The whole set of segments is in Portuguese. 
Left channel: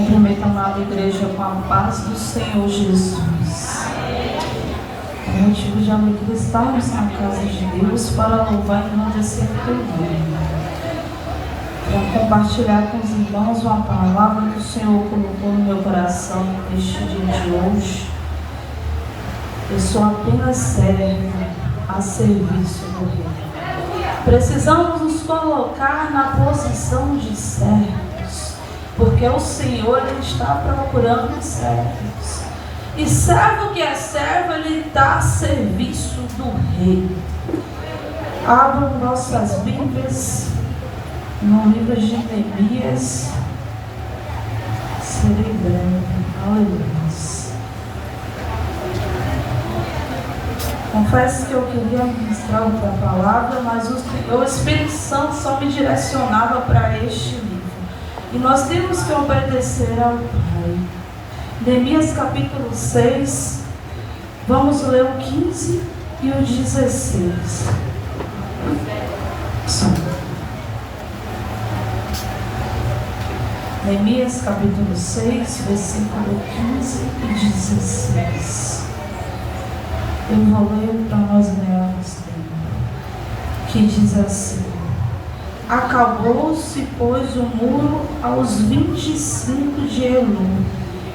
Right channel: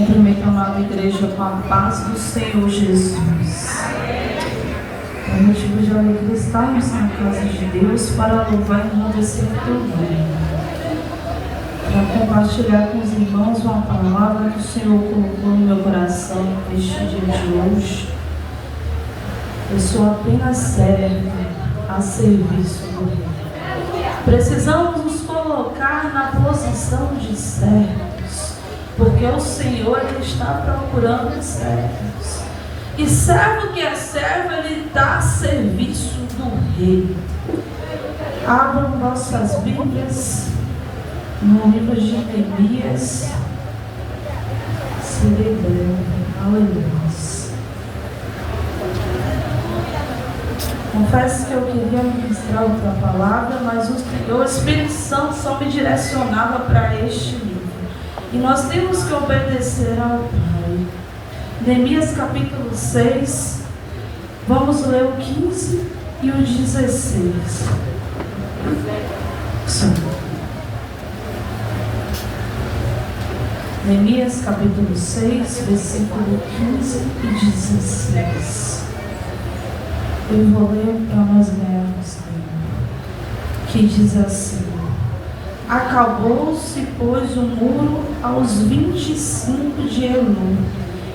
Cumprimento a amada igreja com a paz do Senhor Jesus. É motivo de alegria estarmos na casa de Deus para louvar e engrandecer o teu nome. Para compartilhar com os irmãos uma palavra que o Senhor colocou no meu coração neste dia de hoje. Eu sou apenas servo a serviço do Rei. Precisamos nos colocar na posição de servos, porque o Senhor ele está procurando servos. E servo que é servo, ele está a serviço do Rei. Abram nossas Bíblias no livro de Neemias. Serei breve. Aleluia. Confesso que eu queria ministrar outra palavra, mas o Espírito Santo só me direcionava para este livro. E nós temos que obedecer ao Pai. Neemias capítulo 6, vamos ler o 15 e o 16. Sim. Neemias capítulo 6, versículo 15 e 16. Eu vou ler para nós lermos, que diz assim: Acabou-se, pois, o muro aos 25 de Elul,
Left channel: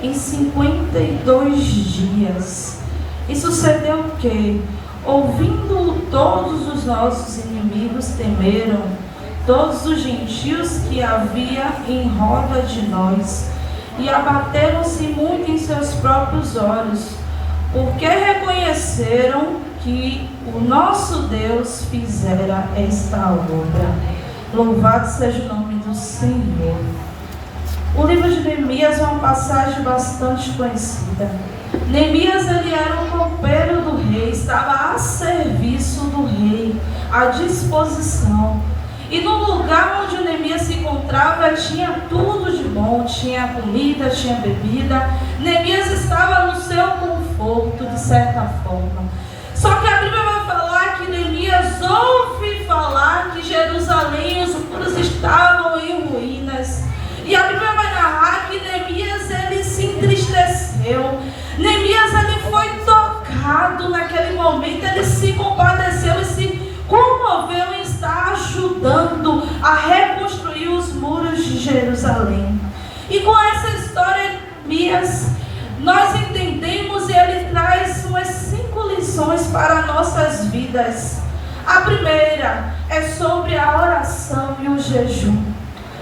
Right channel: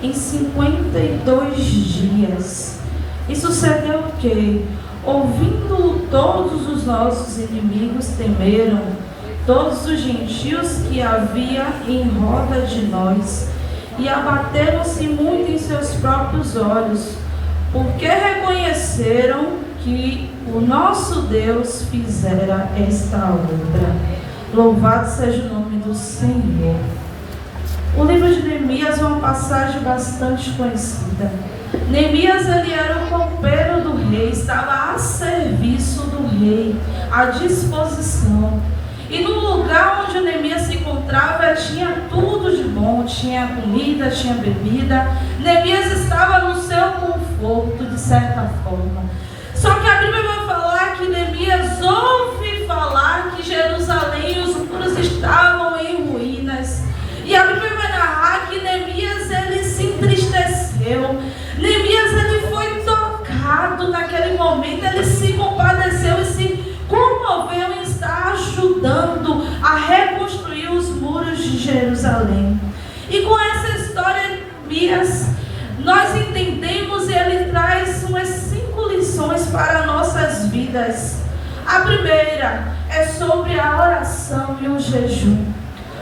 em 52 dias. E sucedeu que, ouvindo todos os nossos inimigos, temeram todos os gentios que havia em roda de nós, e abateram-se muito em seus próprios olhos, porque reconheceram que o nosso Deus fizera esta obra. Louvado seja o nome do Senhor. O livro de Neemias é uma passagem bastante conhecida. Neemias ele era um copeiro do rei, estava a serviço do rei, à disposição. E no lugar onde Neemias se encontrava tinha tudo de bom, tinha comida, tinha bebida. Neemias estava no seu conforto, de certa forma. Só que a Bíblia vai falar que Neemias ouve falar que Jerusalém e os muros estavam em ruínas. E a Bíblia vai narrar que Neemias ele se entristeceu. Neemias ele foi tocado naquele momento, ele se compadeceu e se comoveu em estar ajudando a reconstruir os muros de Jerusalém. E com essa história, Neemias, nós entendemos e ele traz umas 5 lições para nossas vidas. A primeira é sobre a oração e o jejum.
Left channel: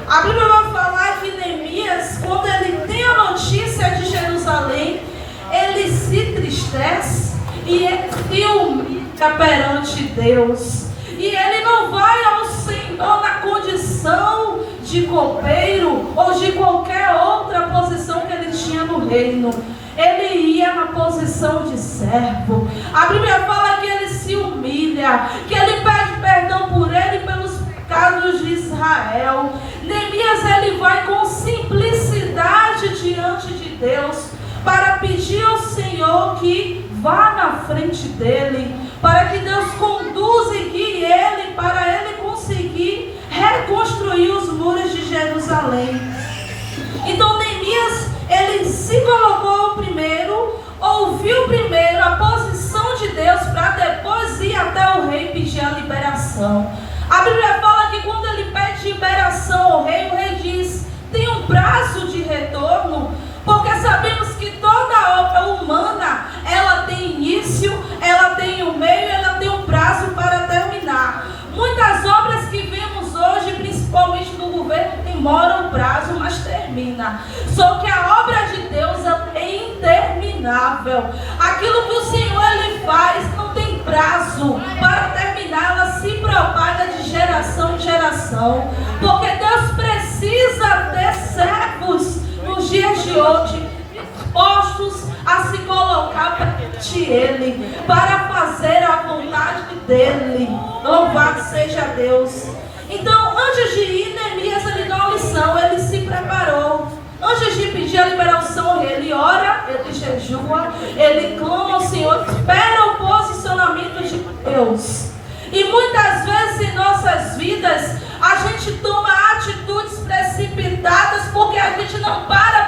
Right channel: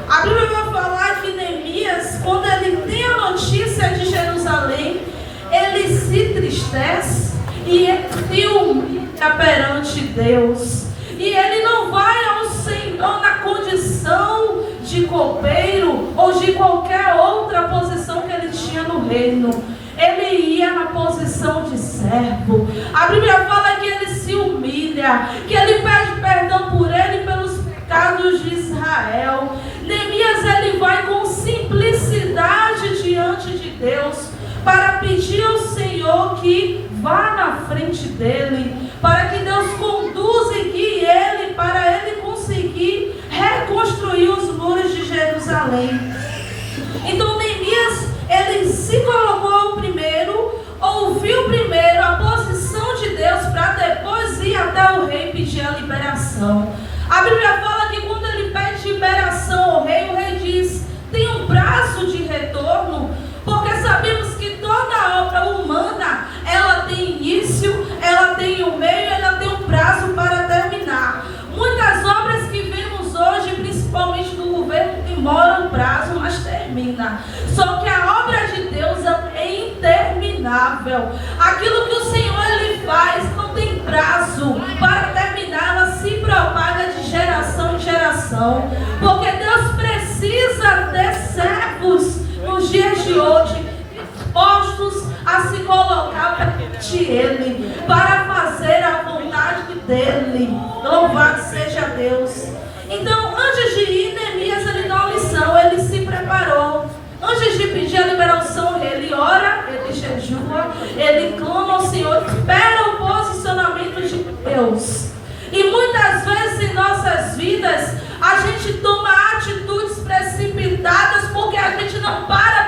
A Bíblia vai falar que Neemias, quando ele tem a notícia de Jerusalém, ele se entristece e ele se humilha perante Deus. E ele não vai ao Senhor na condição de copeiro ou de qualquer outra posição que ele tinha no reino. Ele ia na posição de servo. A Bíblia fala que ele se humilha, que ele pede perdão por ele e pelos pecados de Israel. Neemias ele vai com simplicidade diante de Deus para pedir ao Senhor que vá na frente dele, para que Deus conduza e guie ele, para ele conseguir reconstruir os muros de Jerusalém. Então Neemias, ele se colocou primeiro, ouviu primeiro a posição de Deus, para depois ir até o rei pedir a liberação. A Bíblia fala que quando ele pede liberação ao rei, o rei diz: tem um prazo de retorno, porque sabemos que toda obra humana, ela tem início, ela tem um meio, ela tem um prazo para terminar. Muitas obras que vemos hoje, principalmente no governo, demoram o prazo, mas termina. Só que a obra de Deus é interminável. Aquilo que o Senhor ele faz não tem prazo para terminar, ela se propaga de geração em geração. Porque Deus precisa ter servos nos dias de hoje, dispostos a se colocar perante Ele, para fazer a vontade dEle. Louvado seja Deus. Então, antes de ir, Neemias ele dá uma lição, ele se preparou. Antes de pedir a liberação, ele ora, ele jejua, ele clama ao Senhor, espera o posicionamento de Deus. E muitas vezes em nossas vidas, a gente toma atitudes precipitadas porque a gente não para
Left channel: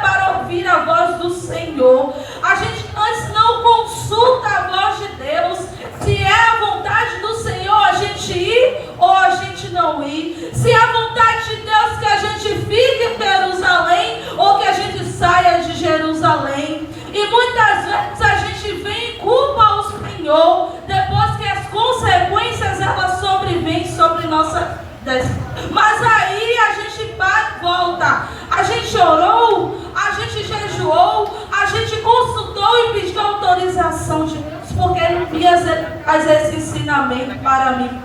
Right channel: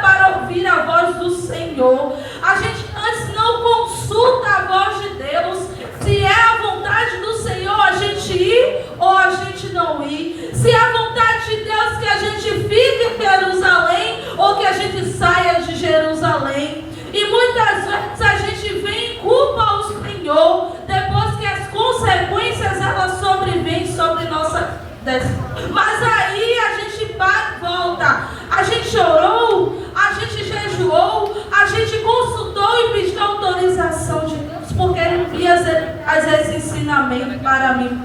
traz esse ensinamento para mim.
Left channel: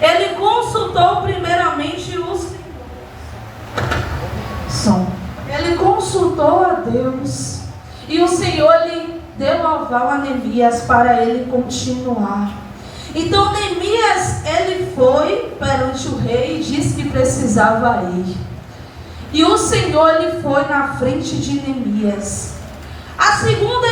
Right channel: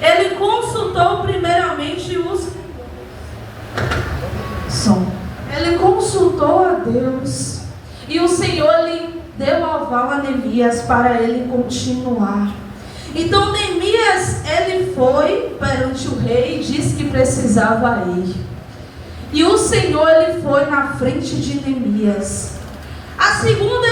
Ele consultou primeiramente Ele consultou a Deus. E o Senhor lhe deu aval a Neemias para ele continuar. Então Neemias, ele foi perante o rei e disse que precisava ir. E o Senhor, ele foi na frente de Neemias. A segunda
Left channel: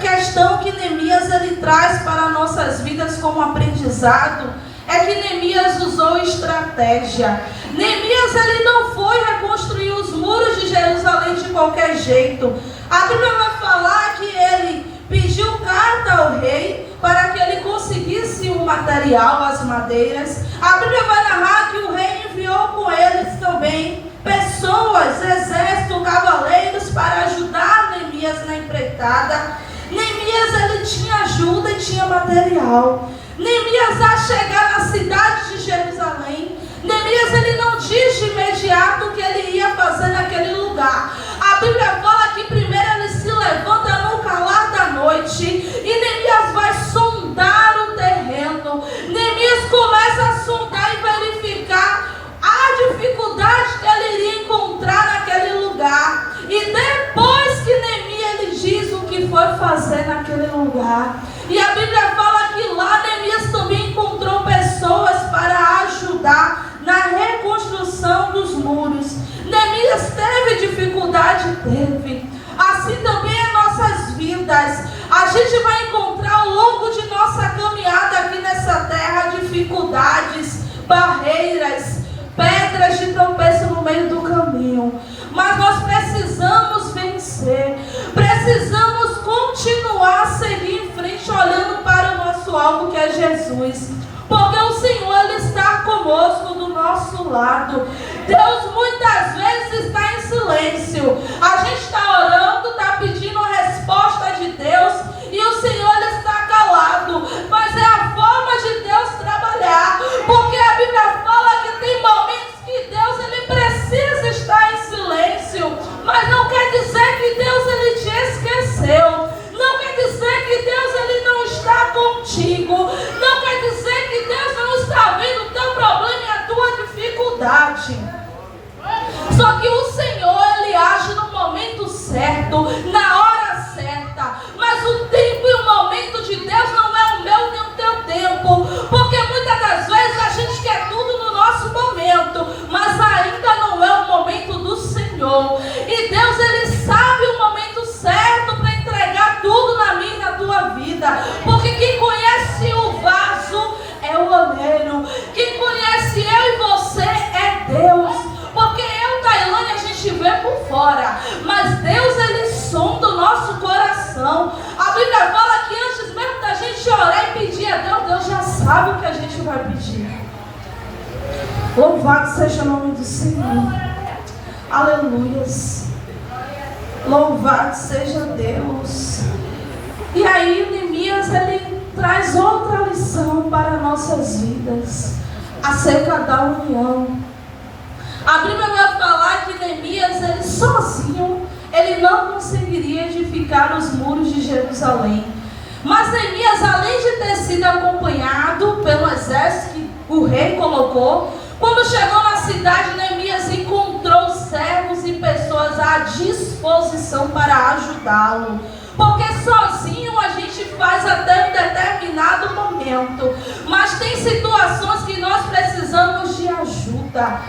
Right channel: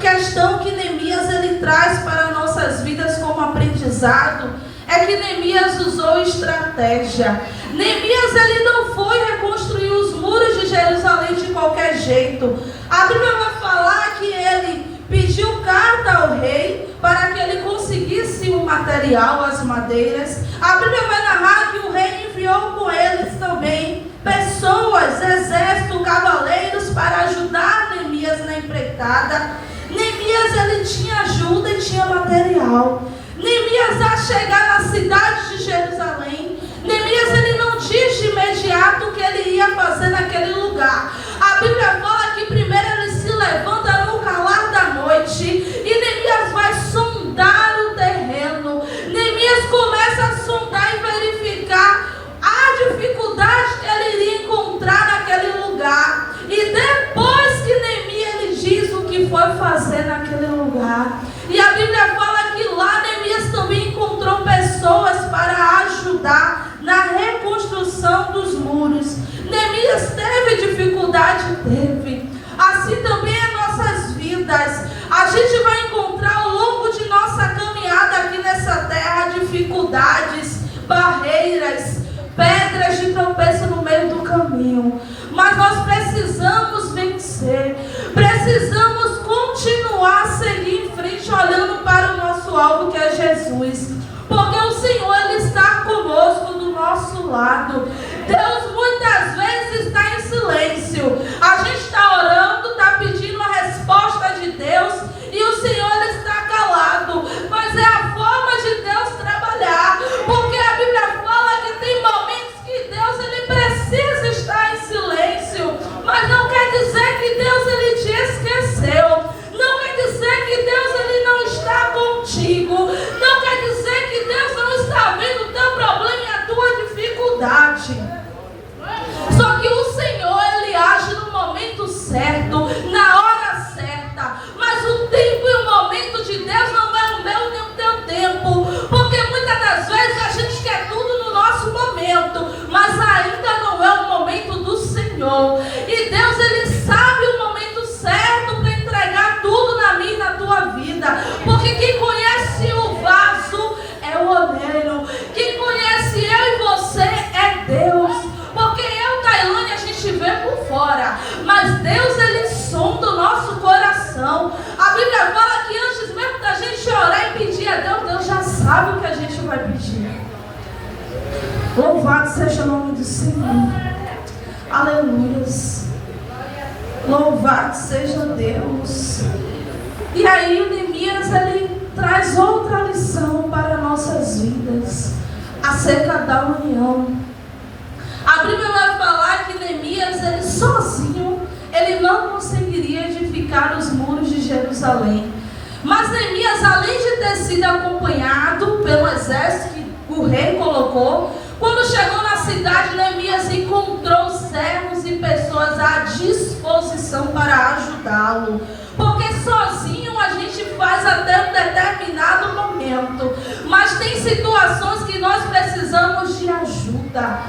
questão que Neemias ele traz para nossas vidas como aprendizado é que Neemias usou estratégia. Neemias ele não foi reconstruir os muros de Jerusalém de qualquer jeito. A Bíblia vai falar que ele pediu carta ao rei para que ele conseguisse o material, as madeiras. A Bíblia vai narrar que o rei enviou com eles também pessoas, exército, cavaleiros para ajudar Neemias na empreitada. Neemias ele tinha ajuda e tinha material. Neemias, a chegar na cidade de Jerusalém, Neemias ele não diz de imediato o que ele ia fazer naquele lugar. A Bíblia fala que primeiro ele se levanta no calar da noite e Neemias vai sondar o terreno. Neemias começa a sondar e verificar a dificuldade que ele iria encontrar naquele lugar. E depois que Neemias ele diz o que foi fazer naquele lugar. E a Bíblia fala que lá Neemias também encontrou pessoas para ajudar na reconstrução dos muros. Neemias teve dificuldade? Teve. Assim também em nossas vidas. A gente vai encontrar ao longo de nossa caminhada aqui nessa terra dificuldades, barreiras, pedras de tropeço no meio do caminho. Mas nós precisamos vencer. Precisamos continuar a seguir em frente, olhando para o nosso alvo, que é Jesus. Porque o Senhor ele está conosco, do nosso lado. Deus muitas vezes está em silêncio. A gente está orando, está pedindo a resposta de Deus e o Senhor ele está calado. Mas é a forma de Deus trabalhar. Porque a Bíblia fala que tem momentos que Deus ele precisa estar em silêncio. Mas não quer dizer que Deus ele te esqueceu. Não quer dizer que Deus ele não está contigo. Não quer dizer que Deus não está vendo o teu problema e a tua dificuldade. Só que o Senhor ele age no momento certo, na hora certa. Mas o tempo e o momento de Deus não é o meu nem o teu tempo. Porque muitas das vezes a gente quer tudo no nosso momento, mas ainda não é o momento do Senhor. E Deus ele sabe o momento certo para entregar tudo na minha e na tua vida. Porque quem conhece o vaso é o oleiro. Quem conhece eu e você é Deus. Porque eu, Tailane, a gente vê por fora, mas Deus ele sonda o nosso coração. A Bíblia fala que antes mesmo da gente orar e pedir a Deus, Deus já sabe o que a gente vai pedir. Louvado seja o nome do Senhor. Aleluias. Louvado seja Deus. E aí o Neemias ele traz outra lição para nossas vidas acerca da união. A Bíblia vai falar que Neemias ele sozinho ele não conseguiria edificar os muros de Jerusalém. Mas Neemias, além de ter sido acompanhado pelo exército que o rei colocou, quando chegou na cidade, Neemias encontrou servos e pessoas à disposição para ajudá-lo. Porque sozinho a gente faz até um determinado momento, mas tem situações que nós precisamos de ajuda.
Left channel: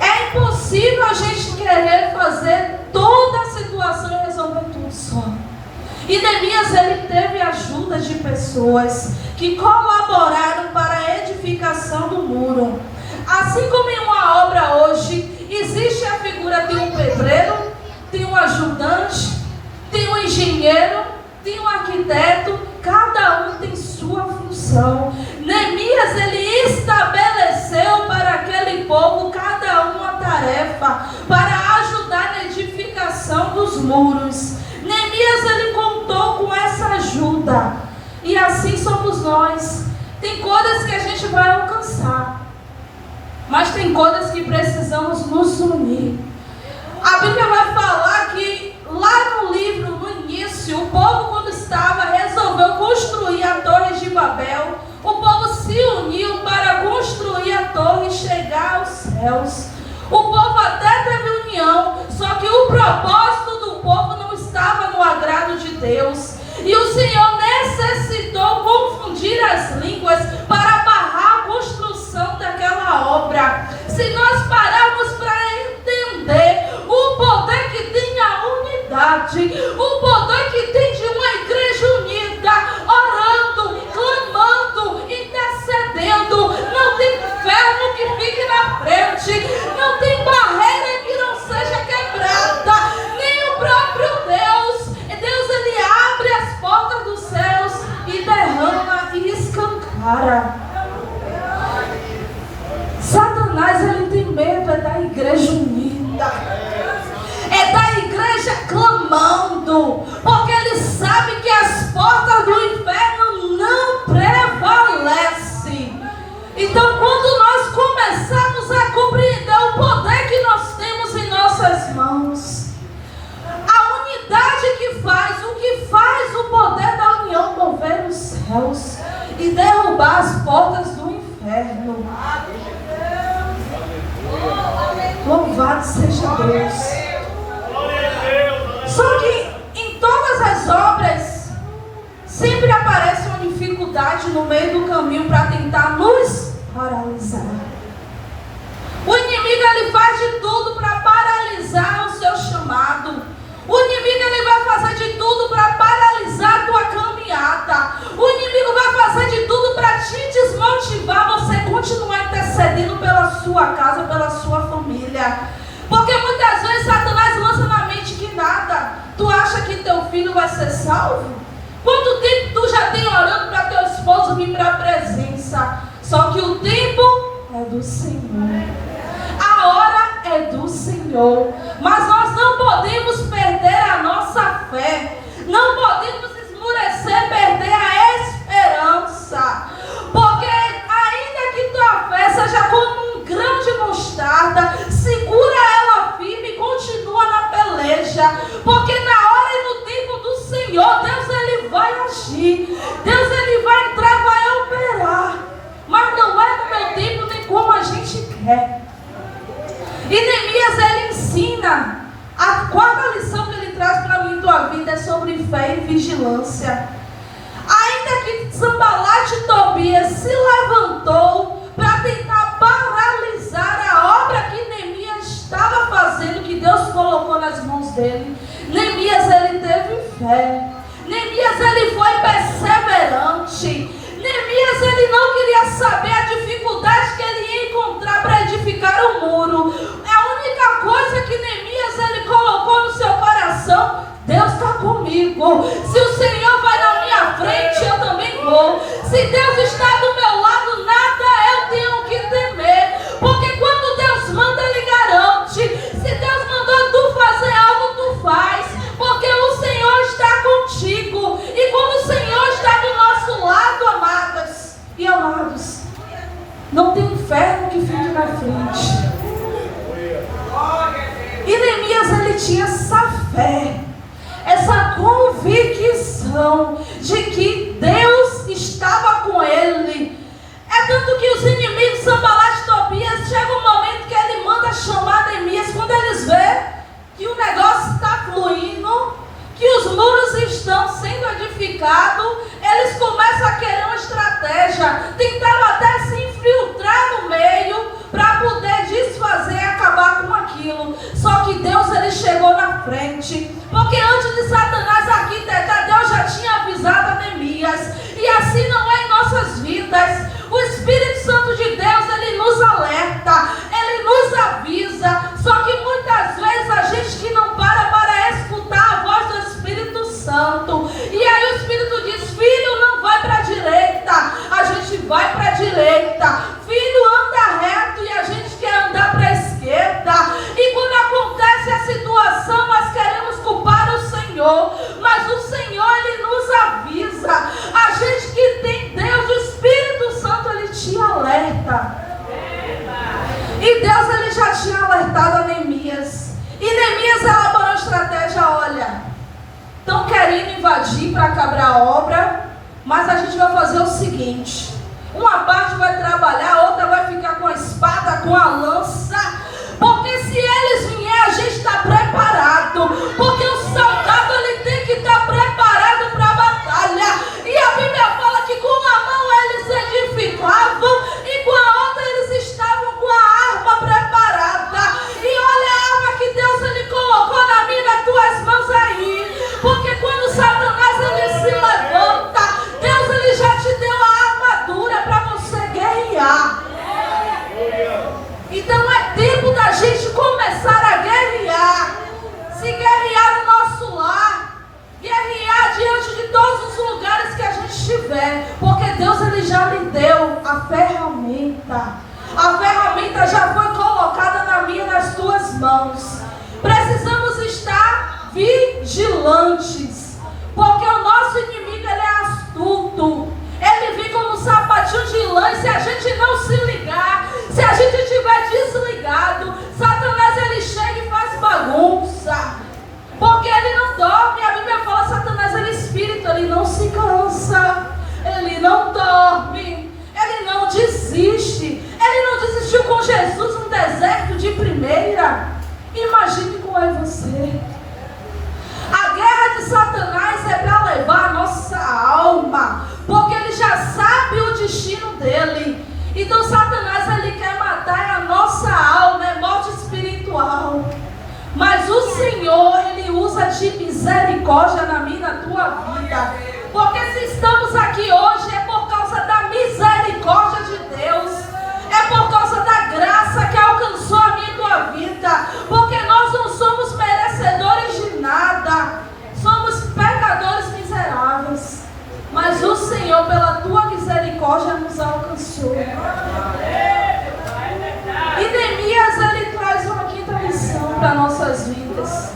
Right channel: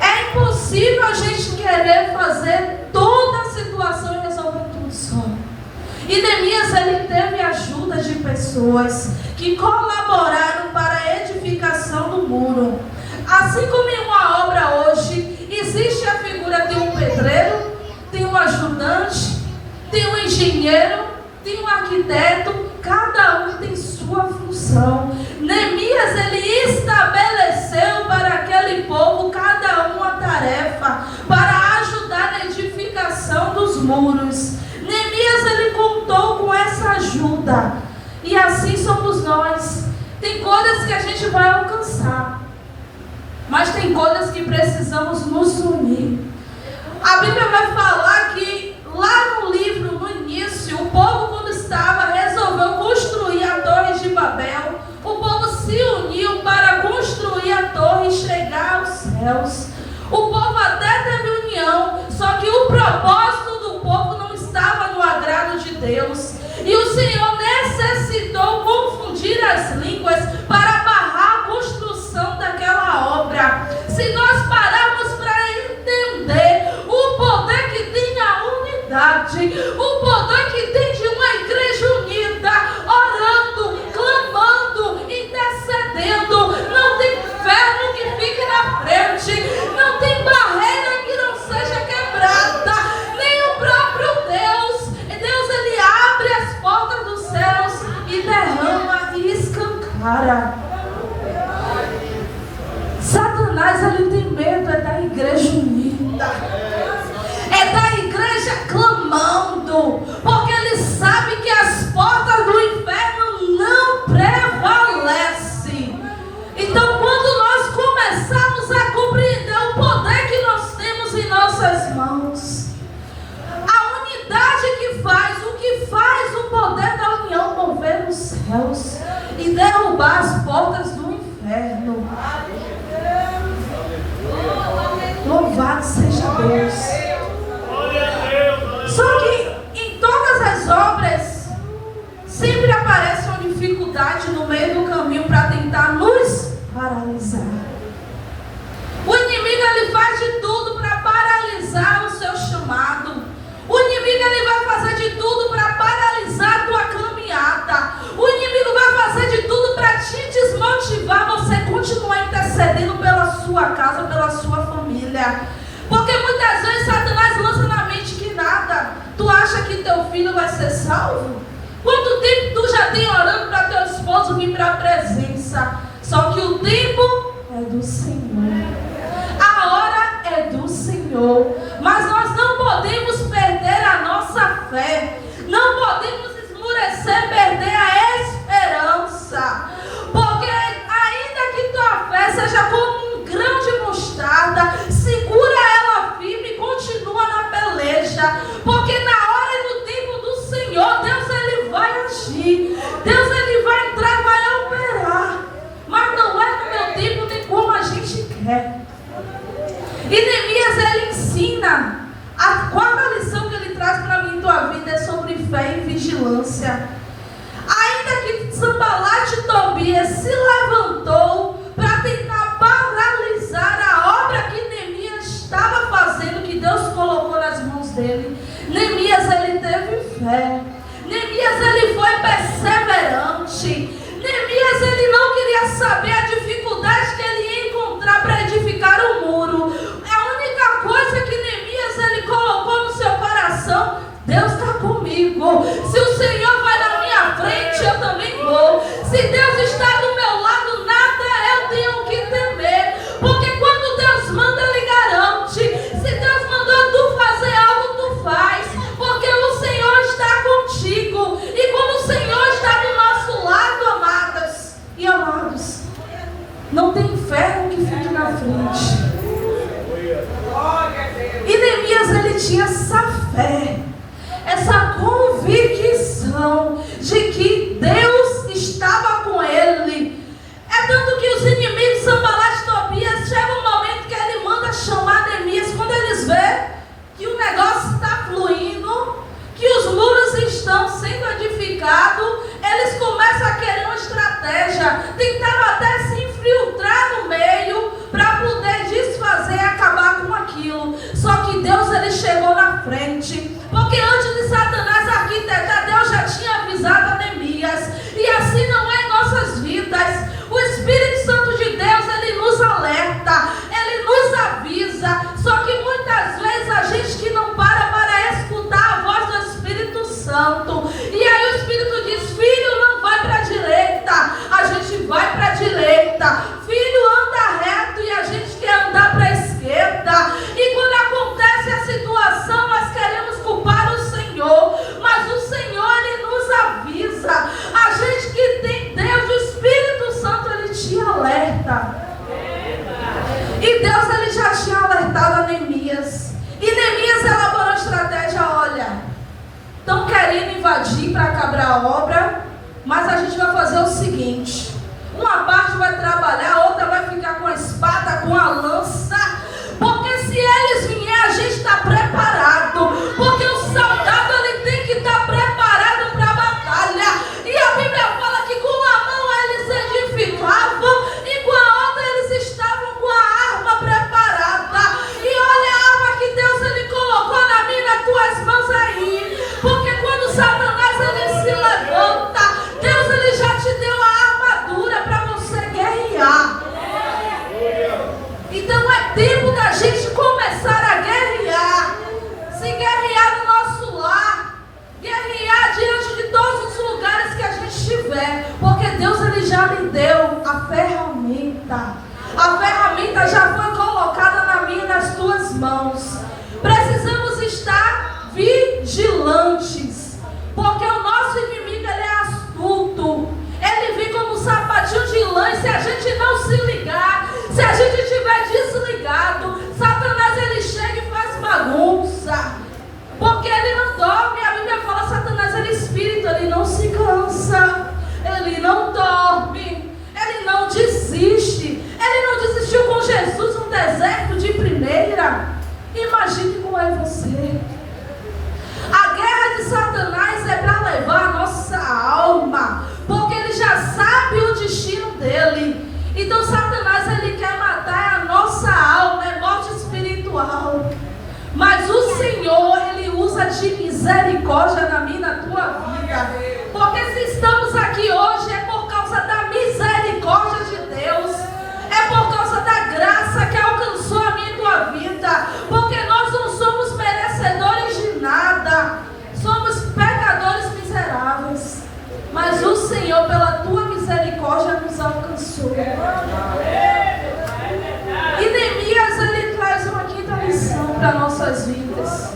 É impossível a gente querer fazer toda a situação e resolver tudo só. E Neemias ele teve ajuda de pessoas que colaboraram para a edificação do muro. Assim como em uma obra hoje, existe a figura de um pedreiro, tem um ajudante, tem um engenheiro, tem um arquiteto, cada um tem sua função. Neemias ele estabeleceu para aquele povo cada uma tarefa para ajudar na edificação dos muros. Neemias ele contou com essa ajuda. E assim somos nós. Tem coisas que a gente vai alcançar, mas tem coisas que precisamos nos unir. A Bíblia vai falar que lá no livro, no início, o povo quando estava, resolveu construir a Torre de Babel. unidade, o poder que tem de uma igreja unida, orando, clamando, intercedendo. Não tem inferno que fique na frente, não tem barreira que não seja quebrada, nem o próprio Deus. Deus, ele abre as portas dos céus e derrama e escancara. Satanás, ele tem medo da igreja unida, da igreja clamando, porque ele sabe que as portas do inferno não prevalecem. Então, quando nós começarmos a compreender o poder que nós temos em nossas mãos, a unidade o que faz o poder da união mover os céus e derrubar as portas do inferno. Louvado seja Deus. Só que em todas as obras sempre aparece uma dificuldade no meio do caminho para tentar nos paralisar. O inimigo, ele faz de tudo para paralisar o seu chamado. O inimigo, ele vai fazer de tudo para paralisar a tua caminhada. O inimigo vai fazer de tudo para te desmotivar você continuar intercedendo pela sua casa, pela sua família. Porque muitas vezes Satanás lança na mente que nada. Tu acha que teu filho vai ser salvo? Quanto tempo tu já tem orando para teu esposo vir para a presença? Só que o tempo é do Senhor, a hora é do Senhor. Mas nós não podemos perder a nossa fé, não podemos esmurecer, perder a esperança. Porque ainda que tua fé seja como um grão de mostarda, segura ela firme e continua na peleja. Porque na hora e no tempo do Senhor, Deus, ele vai agir. Deus, ele vai entrar e vai operar. Mas não é no meu tempo nem como a gente quer. E Neemias, ele ensina, a quarta lição que ele traz para mim e tua vida é sobre fé e vigilância. Ainda que Sanbalate e Tobias se levantou para tentar paralisar a obra que Neemias estava fazendo, que Deus colocou nas mãos dele, Neemias, ele teve fé. Neemias, ele foi perseverante. Neemias, ele não queria saber a dificuldade que ele ia encontrar para edificar o muro. A única coisa que Neemias, ele colocou no seu coração: Deus está comigo. Se o Senhor vai na minha frente, eu também vou. Se Deus está do meu lado, nada eu tenho que temer. Porque quando Deus manda, ele garante. Se Deus mandou tu fazer algo, tu faz. Porque o Senhor está contigo. E quando o Senhor está do nosso lado, amadas e amados, não tem inferno que fique na frente. E Neemias, ele tinha essa fé, essa convicção de que Deus estava com ele. É tanto que os inimigos, Sanbalate e Tobias, chega um momento que ele manda chamar Neemias. Quando eles veem que o negócio está fluindo, que os muros estão sendo edificados, eles começam a querer uma estratégia. Tentaram até se infiltrar no meio para poder desfazer e acabar com aquilo. Só que Deus, ele chegou na frente. Porque antes de Satanás arquitetar, Deus já tinha avisado a Neemias. E assim não é em nossas vidas. O Espírito Santo de Deus, ele nos alerta, ele nos avisa. Só que muitas vezes a gente que não para escutar a voz do Espírito Santo. E aí o Espírito diz: filho, não vai para a direita. A gente vai para a direita. Filho, anda reto, e a gente quer andar para a esquerda. E quando acontece a situação, nós queremos culpar o Senhor. Mas o Senhor, ele nos avisa. A gente que tem Deus, o Espírito Santo, ele te alerta. E Deus, ele já tinha alertado a Neemias. E Neemias elaborou a estratégia: olha, estão querendo invadir para acabar a obra, mas a gente vai fazer o seguinte: uma parte vai trabalhar, a outra vai ficar com a espada, com a lança. Porque se eles vierem, a gente está preparado. Porque o soldado, ele tem que estar preparado para a batalha. E a Bíblia fala que com a mão eles edificavam e com a outra eles estavam com a arma preparada. E olha a arma que Deus, ele colocou na minha, nas tuas mãos aí. a ferramenta. A ferramenta já foi colocada na minha e nas tuas mãos. Precisamos estar vigilantes, porque o nosso inimigo, ele é astuto. Ele vem como um sapatinho de lã, e se a gente não se ligar, se a gente estiver desligado, Satanás, ele chega e faz bagunça. Porque ele não dorme. A Bíblia fala, Satanás, ele é espírito, ele não se cansa, ele não dorme, ele não desiste. Ele não desistiu com Jesus no deserto de primeira. Imagine como é você. A guerra de Satanás é para levar a nossa alma, porque ele já sabe o destino dele. Então Satanás, ele quer matar a nossa alma, é morte espiritual. Mas o Senhor, ele usa de misericórdia na minha e na tua vida. Porque se estamos aqui hoje, é por causa da misericórdia de Deus. É por causa da graça que alcançou a minha e tua vida. Porque nós não somos merecedores de nada. Somos pecadores miseráveis. Mas o Senhor, pela tua misericórdia, nos alcançou. E Neemias, ele traz uma quinta lição para nossas vidas.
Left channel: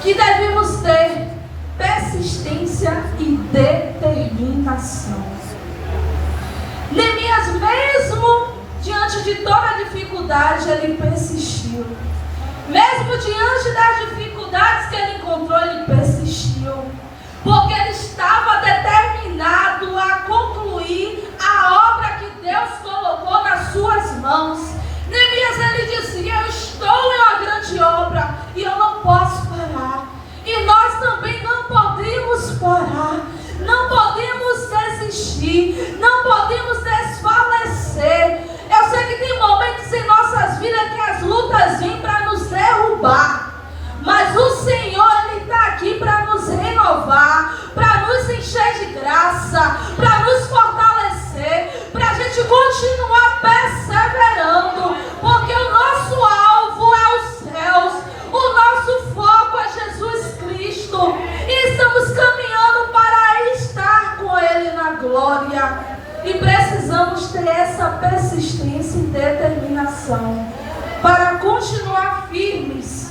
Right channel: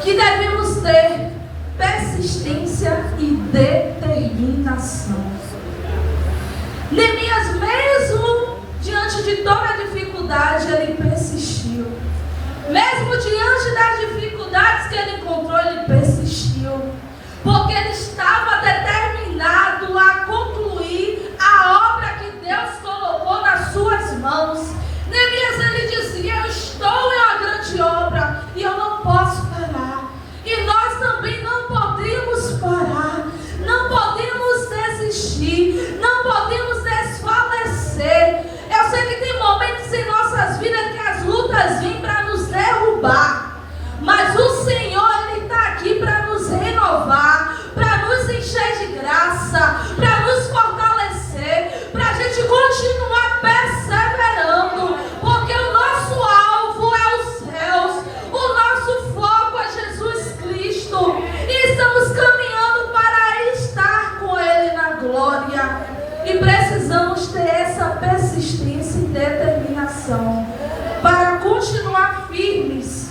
Que devemos ter persistência e determinação. Neemias, mesmo diante de toda a dificuldade, ele persistiu. Mesmo diante das dificuldades que ele encontrou, ele persistiu. Porque ele estava determinado a concluir a obra que Deus colocou nas suas mãos. Neemias, ele dizia, eu estou em uma grande obra e eu não posso parar. E nós também não podemos parar. Não podemos desistir. Não podemos desfalecer. Eu sei que tem momentos em nossas vidas que as lutas vêm para nos derrubar. Mas o Senhor, ele está aqui para nos renovar, para nos encher de graça, para nos fortalecer, para a gente continuar perseverando, porque o nosso alvo é os céus, o nosso foco é Jesus Cristo, e estamos caminhando para estar com Ele na glória, e precisamos ter essa persistência e determinação, para continuar firmes.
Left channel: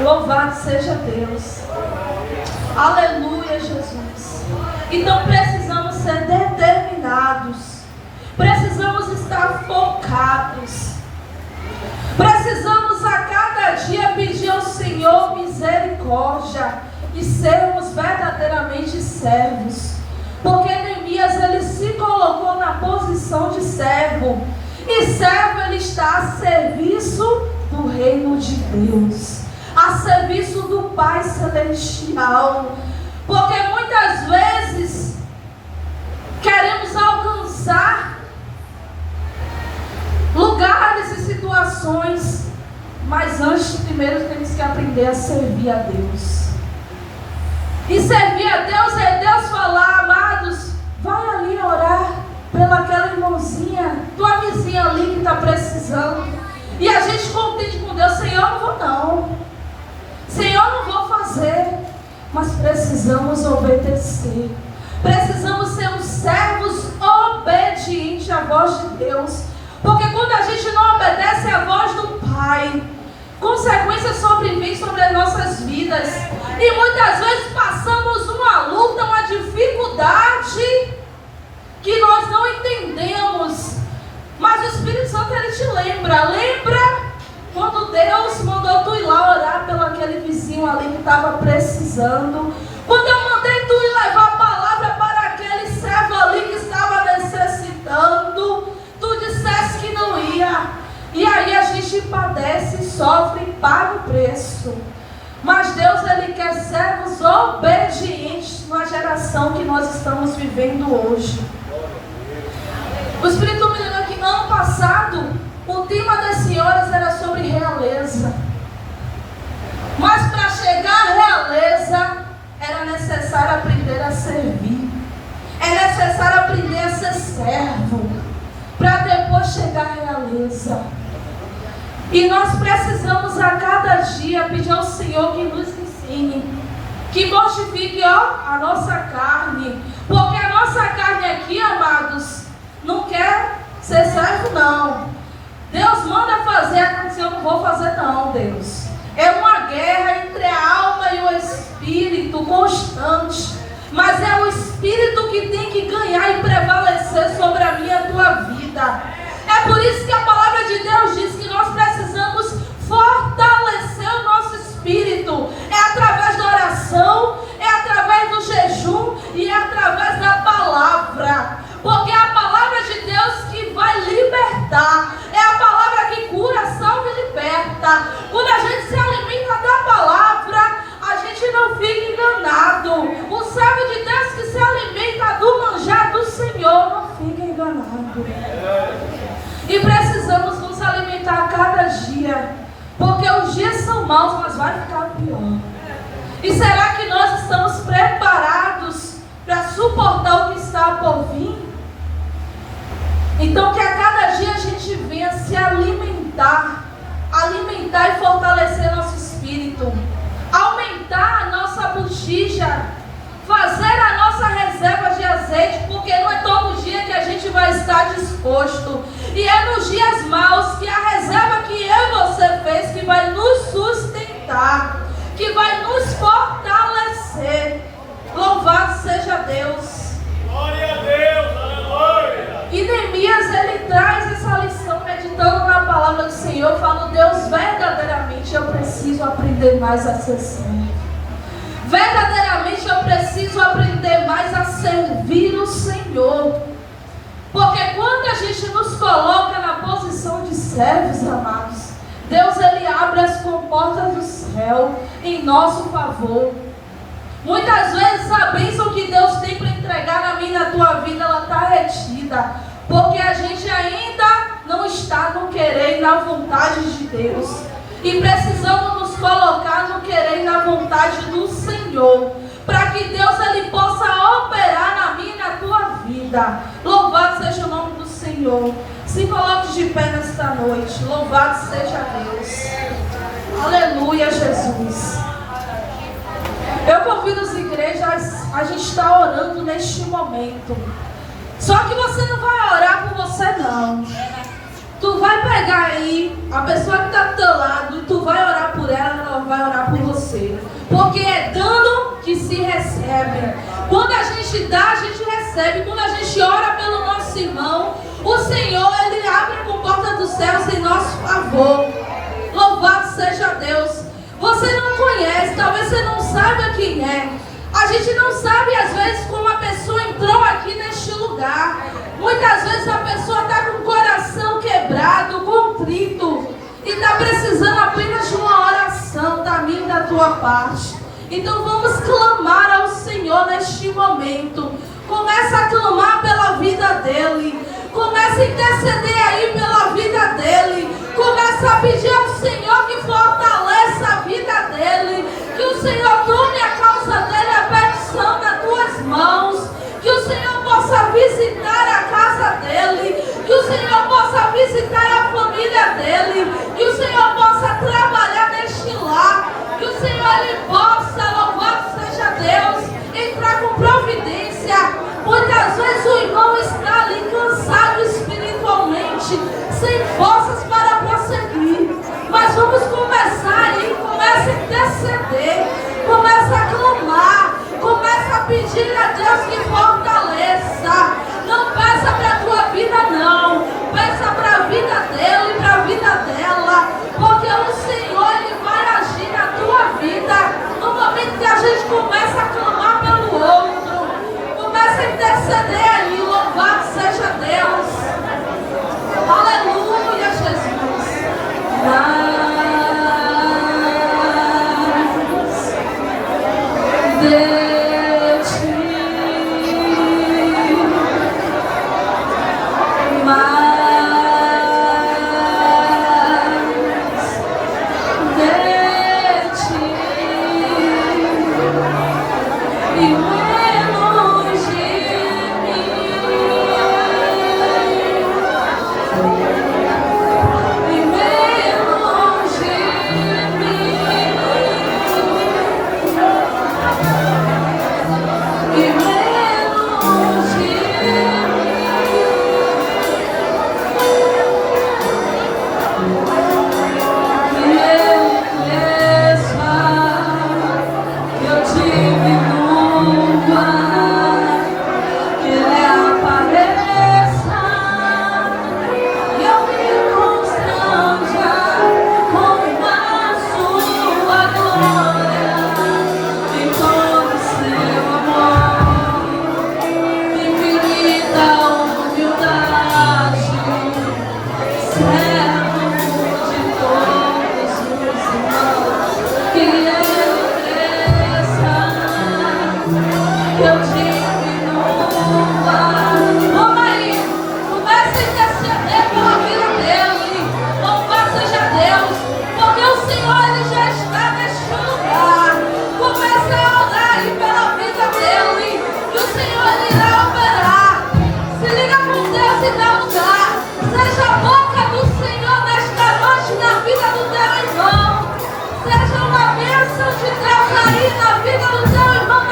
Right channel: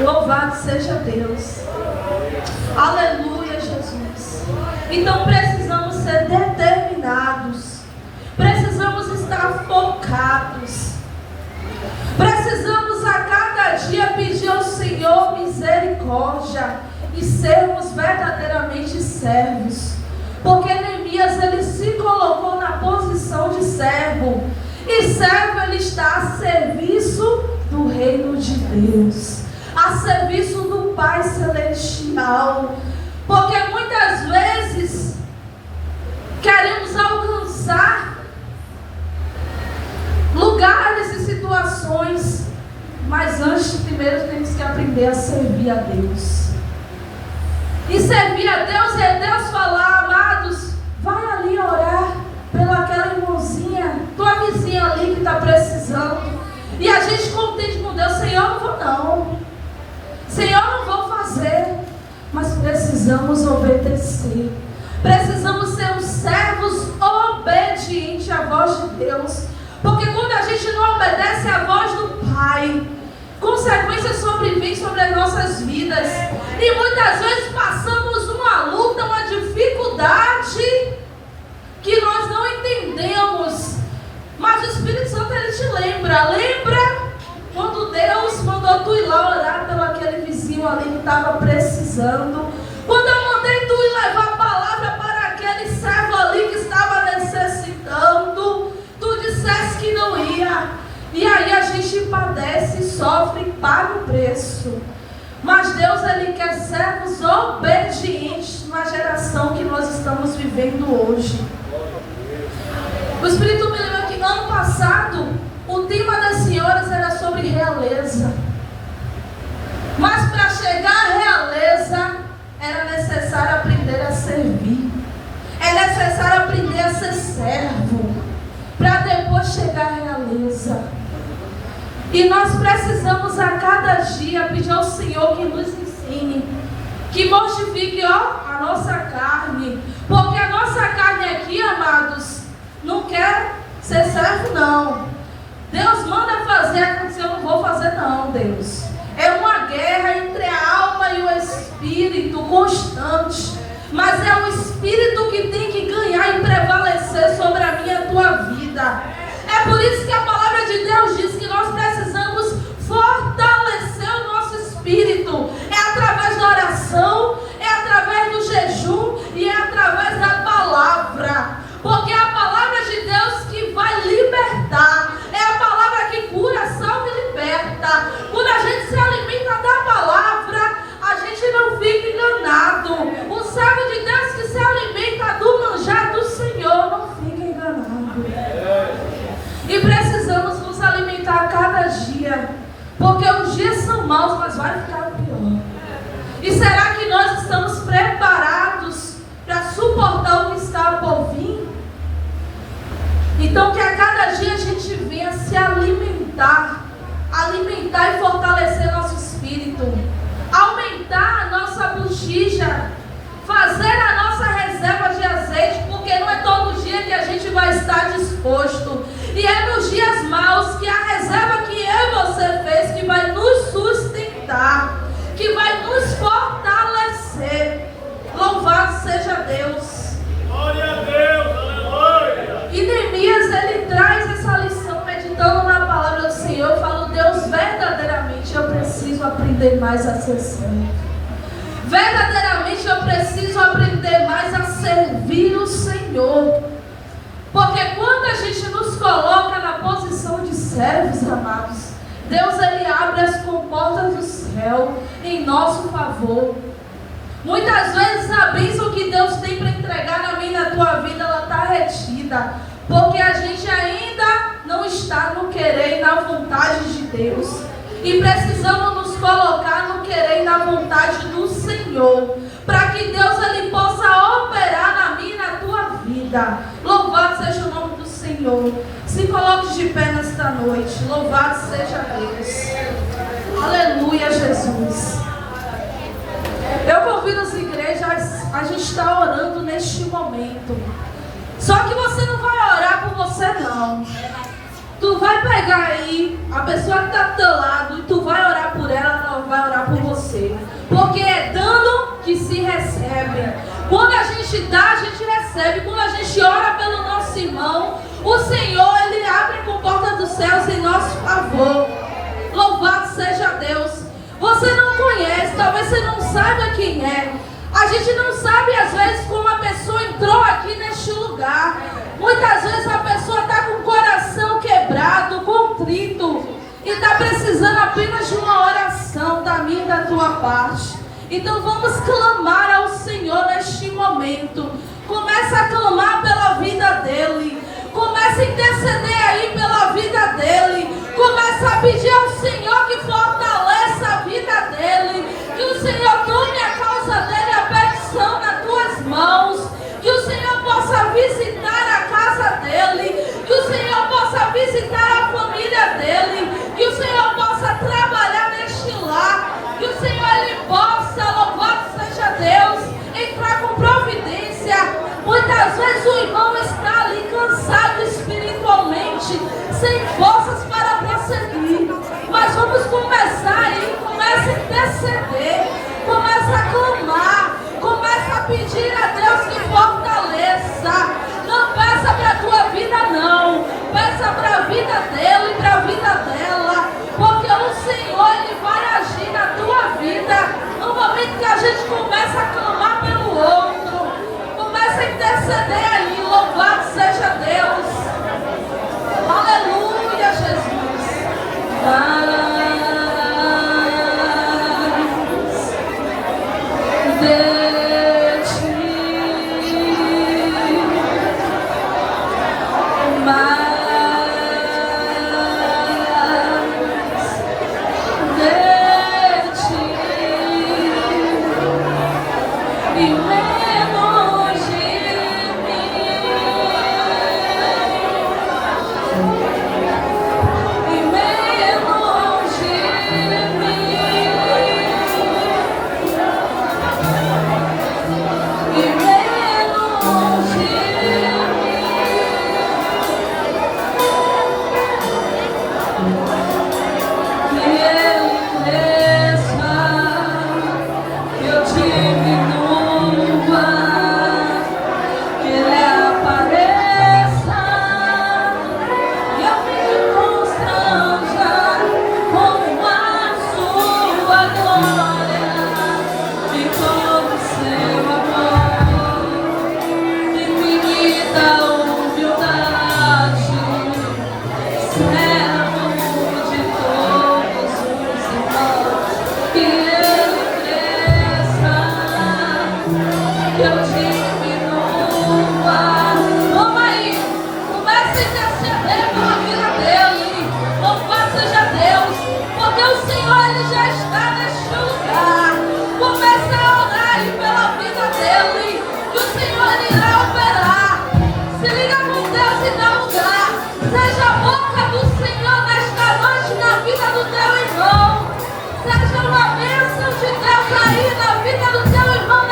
Louvado seja Deus. Aleluia, Jesus. Então precisamos ser determinados. Precisamos estar focados. Precisamos a cada dia pedir ao Senhor misericórdia e sermos verdadeiramente servos. Porque Neemias, ele se colocou na posição de servo. E servo, ele está a serviço do reino de Deus, a serviço do Pai Celestial. Porque muitas vezes queremos alcançar lugares e situações, mas antes, primeiro, temos que aprender a servir a Deus. E servir a Deus é Deus falar, amados, vai ali orar pelaquela irmãozinha, tua vizinha ali que está precisando. E a gente contente com Deus, Senhor, não vou não. Senhor, não vou fazer. Mas precisamos obedecer. Precisamos ser os servos obedientes à voz de Deus. Porque quando a gente não obedece à voz do Pai, consequências sobrevêm sobre as nossas vidas. E muitas vezes passamos uma luta, uma dificuldade que nós não entendemos. Mas o Espírito Santo, ele te lembra. Lembra quando Deus mandou tu ir lá orar pelo aquele vizinho ali que estava precisando? Quando eu mandei tu ir levar a palavra para aquele servo ali que estava necessitando, tu disseste que não ia. E aí a gente padece, sofre e paga o preço. Mas Deus, ele quer servos obedientes na geração que nós estamos vivendo hoje. O Espírito me lembra que ano passado o tema das senhoras era sobre realeza. Mas para chegar à realeza era necessário aprender a servir. É necessário aprender a ser servo para depois chegar à realeza. E nós precisamos a cada dia pedir ao Senhor que nos ensine, que mortifique a nossa carne. Porque a nossa carne aqui, amados, não quer ser servo, não. Deus manda fazer, acontecer, eu não vou fazer não, Deus. É uma guerra entre a alma e o espírito constante. Mas é o espírito que tem que ganhar e prevalecer sobre a minha e a tua vida. É por isso que a palavra de Deus diz que nós precisamos fortalecer o nosso espírito. É através da oração, é através do jejum e é através da palavra. Porque é a palavra de Deus que vai libertar. É a palavra que cura, salva e liberta. Quando a gente se alimenta da palavra, a gente não fica enganado. O servo de Deus que se alimenta do manjar do Senhor não fica enganado. E precisamos nos alimentar a cada dia, porque os dias são maus, mas vai ficar pior. E será que nós estamos preparados para suportar o que está por vir? Então que a cada dia a gente venha se alimentar e fortalecer nosso espírito, aumentar a nossa botija, fazer a nossa reserva de azeite, porque não é todo dia que a gente vai estar disposto. E é nos dias maus que a reserva que eu e você fez, que vai nos sustentar, que vai nos fortalecer. Louvado seja Deus. Glória a Deus, aleluia. E Neemias, ele traz essa lição, meditando na palavra do Senhor, falando: Deus, verdadeiramente eu preciso aprender mais a ser servo. Verdadeiramente eu preciso aprender mais a servir o Senhor. Porque quando a gente nos coloca na posição de servos, amados, Deus, ele abre as comportas do céu em nosso favor. Muitas vezes a bênção que Deus tem para entregar na minha e na tua vida, ela está retida, porque a gente ainda não está no querer e na vontade de Deus. E precisamos nos colocar no querer e na vontade do Senhor, para que Deus ele possa operar na minha e na tua vida. Louvado seja o nome do Senhor. Se coloque de pé nesta noite. Louvado seja Deus. Aleluia, Jesus. Eu convido as igrejas, a gente está orando neste momento. Só que você não vai orar por você, não. Tu vai pegar aí a pessoa que está do teu lado e tu vai orar por ela, ela vai orar por você. Porque é dando que se recebe. Quando a gente dá, a gente recebe. Quando a gente ora pelo nosso irmão, o Senhor, ele abre a comporta dos céus em nosso favor. Louvado seja Deus. Você não conhece, talvez você não saiba quem é. A gente não sabe às vezes como a pessoa entrou aqui neste lugar. Muitas vezes a pessoa está com o coração quebrado, contrito, e está precisando apenas de uma oração da minha e da tua parte. Então vamos clamar ao Senhor neste momento. Começa a clamar pela vida dele. Começa a interceder aí pela vida dele. Começa a pedir ao Senhor que fortaleça a vida dele. Que o Senhor tome a causa dele, a petição nas tuas mãos. Que o Senhor possa visitar a casa dele. Que o Senhor possa visitar a família dele. Que o Senhor possa trabalhar neste lar. Que o Senhor ele possa, louvado seja Deus, entrar com providência. Muitas vezes o irmão está ali cansado espiritualmente, sem forças para prosseguir. Mas vamos começar aí, começa a interceder, começa a clamar, começa a pedir a Deus que fortaleça. Não peça para a tua vida não, peça para a vida dele, para a vida dela, porque o Senhor ele vai agir na tua vida no momento que a gente começa a clamar pelo outro. Começa a interceder aí, louvado seja Deus. Aleluia, Jesus. haja uma bênção de Deus aí na vida do teu irmão